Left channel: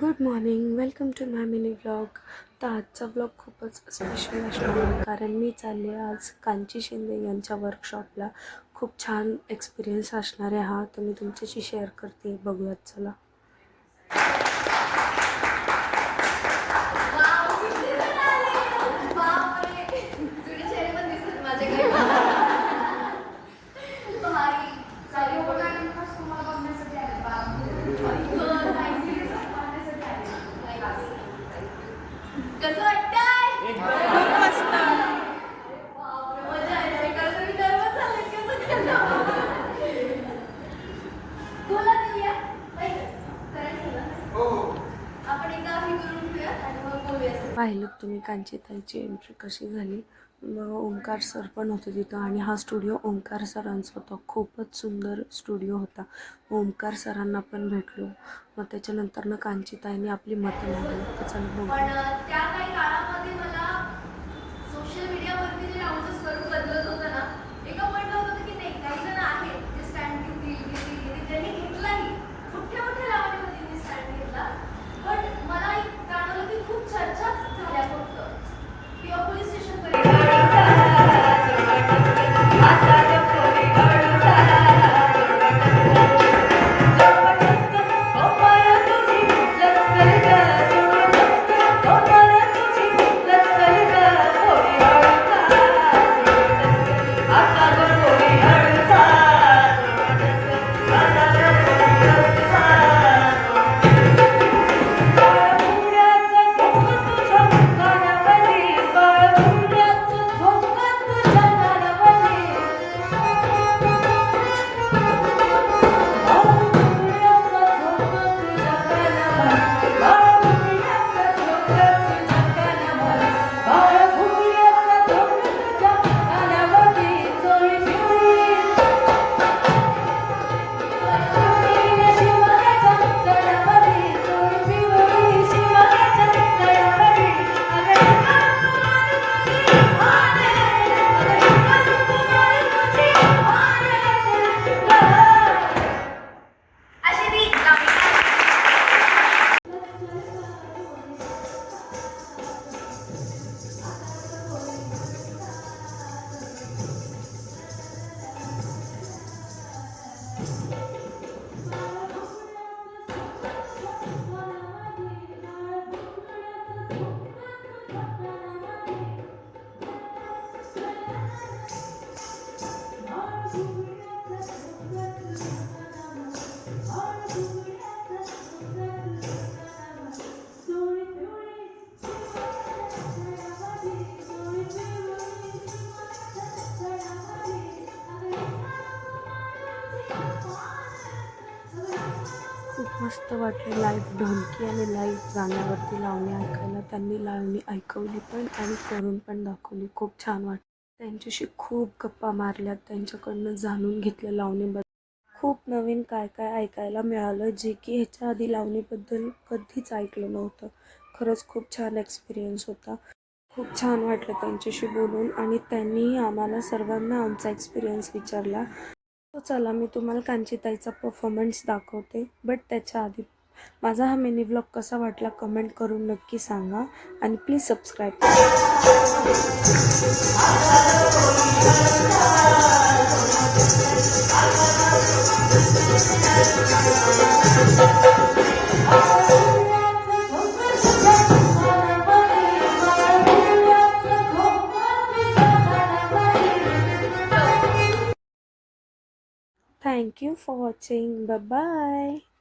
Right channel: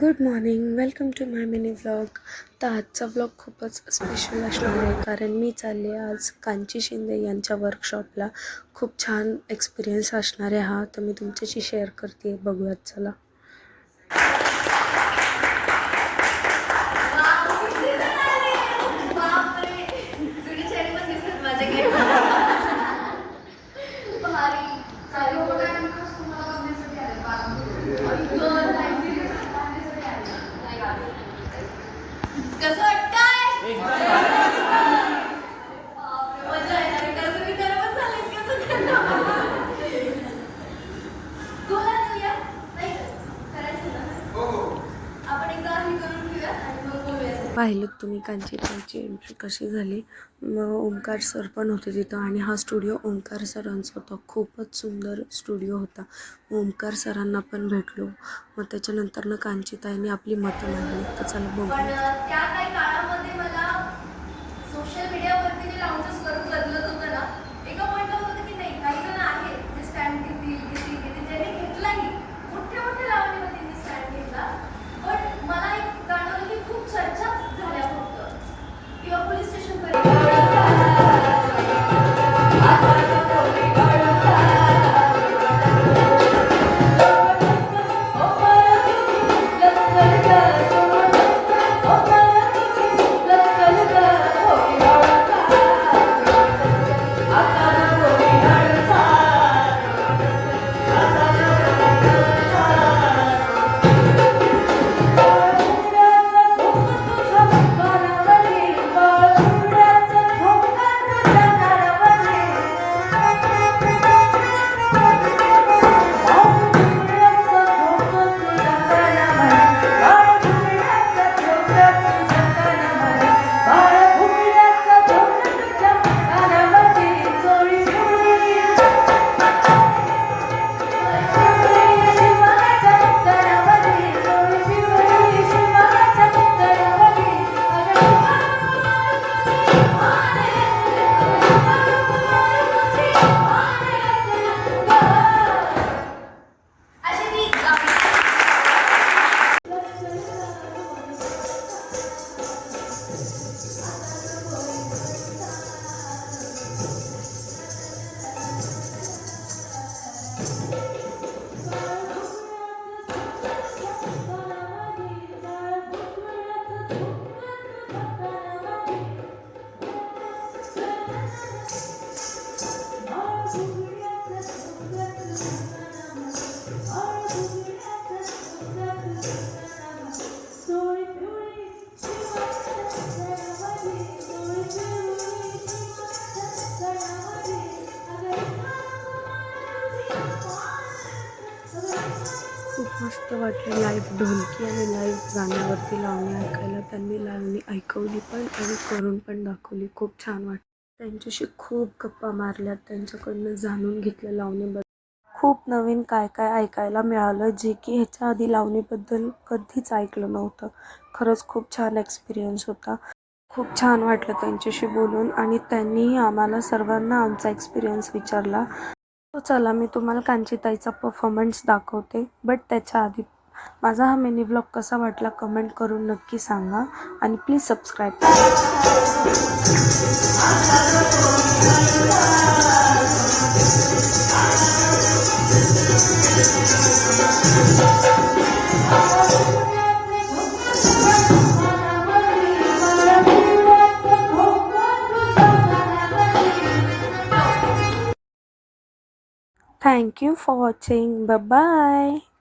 Good morning, welcome to my mini vlog. तर आजचा vlog खूपच स्पेशल असणार आहे कारण मी चालले आज कांची शिंदे यांच्या वर्कशॉपला. खूप छान एक्सपिरियन्स असणार आहे हा, तर मी तुमच्याशी शेअर करते. बघूयात चला. कसं वाटतंय? मजा येणार आहे कारण तुम्ही nervous झालेत कसं करणार? तुला देऊया? नाही करायचं ना? आपण एकदा हे करून घेऊया आणि मग बोलूया. पाहिलं तुम्ही कांचीताईची एंट्री कशी झाली. मग ओमकार सर पण होते तिथं आणि हा स्टुडिओ ओमकार सरांचा होता. खूपच सुंदर स्टुडिओ होता. ओमकार सरांना पण भेटलो. मग त्याच्यानंतर कांचीताईने आपली मतं मांडली. तर चला पण बघू. त्या काही काळामध्ये मला सोशल मीडियावरती जे लावून स्वरूप बदलत होतं ना, एका पॉईंटला होत होतं की नाही काही जण आहेत जे स्टँड घेतील ज्यांनी घेतलाही मोठ्या मोठ्या लावणीमध्ये मी स्टँड घेतला. पण मला एक जाणवलं की खूप चर्चाच झाल्या फक्त किंवा पोलीस स्टेशनपर्यंत खूप मस्त वाटलं लाईव्ह ढोलकी आणि लाईव्ह गाण्यावरती लावणी ऐकायला. त्यांनी लावणी ऐकवली पण आणि करून पण दाखवली. खूप छान वाटलं. त्यांच्याशी खूप गप्पा मारल्यात, त्यांच्याकडनं जाणून घेतलं लावणीबद्दल. खूप नवीन काय काय ऐकायला मिळालं जे की ह्याच्या आधी लावणीबद्दल कधीच ऐकलं नव्हतं. खरंच खूप छान एक्सपिरियन्स होता. खूप छान वाटलं त्यांच्याशी बोलून आणि त्यांनीही आम्हाला सर्वांना आमचा एक्सपिरियन्स विचारला. तो चला मी तुम्हाला कांचीताईचा परफॉर्मन्स दाखवते. बट त्याच्या आधी माझा हा मिनी व्लॉग कसा वाटला कमेंट करून नक्की सांगा आणि प्लीज सबस्क्राईब करा. Thank you for watching. Bye bye.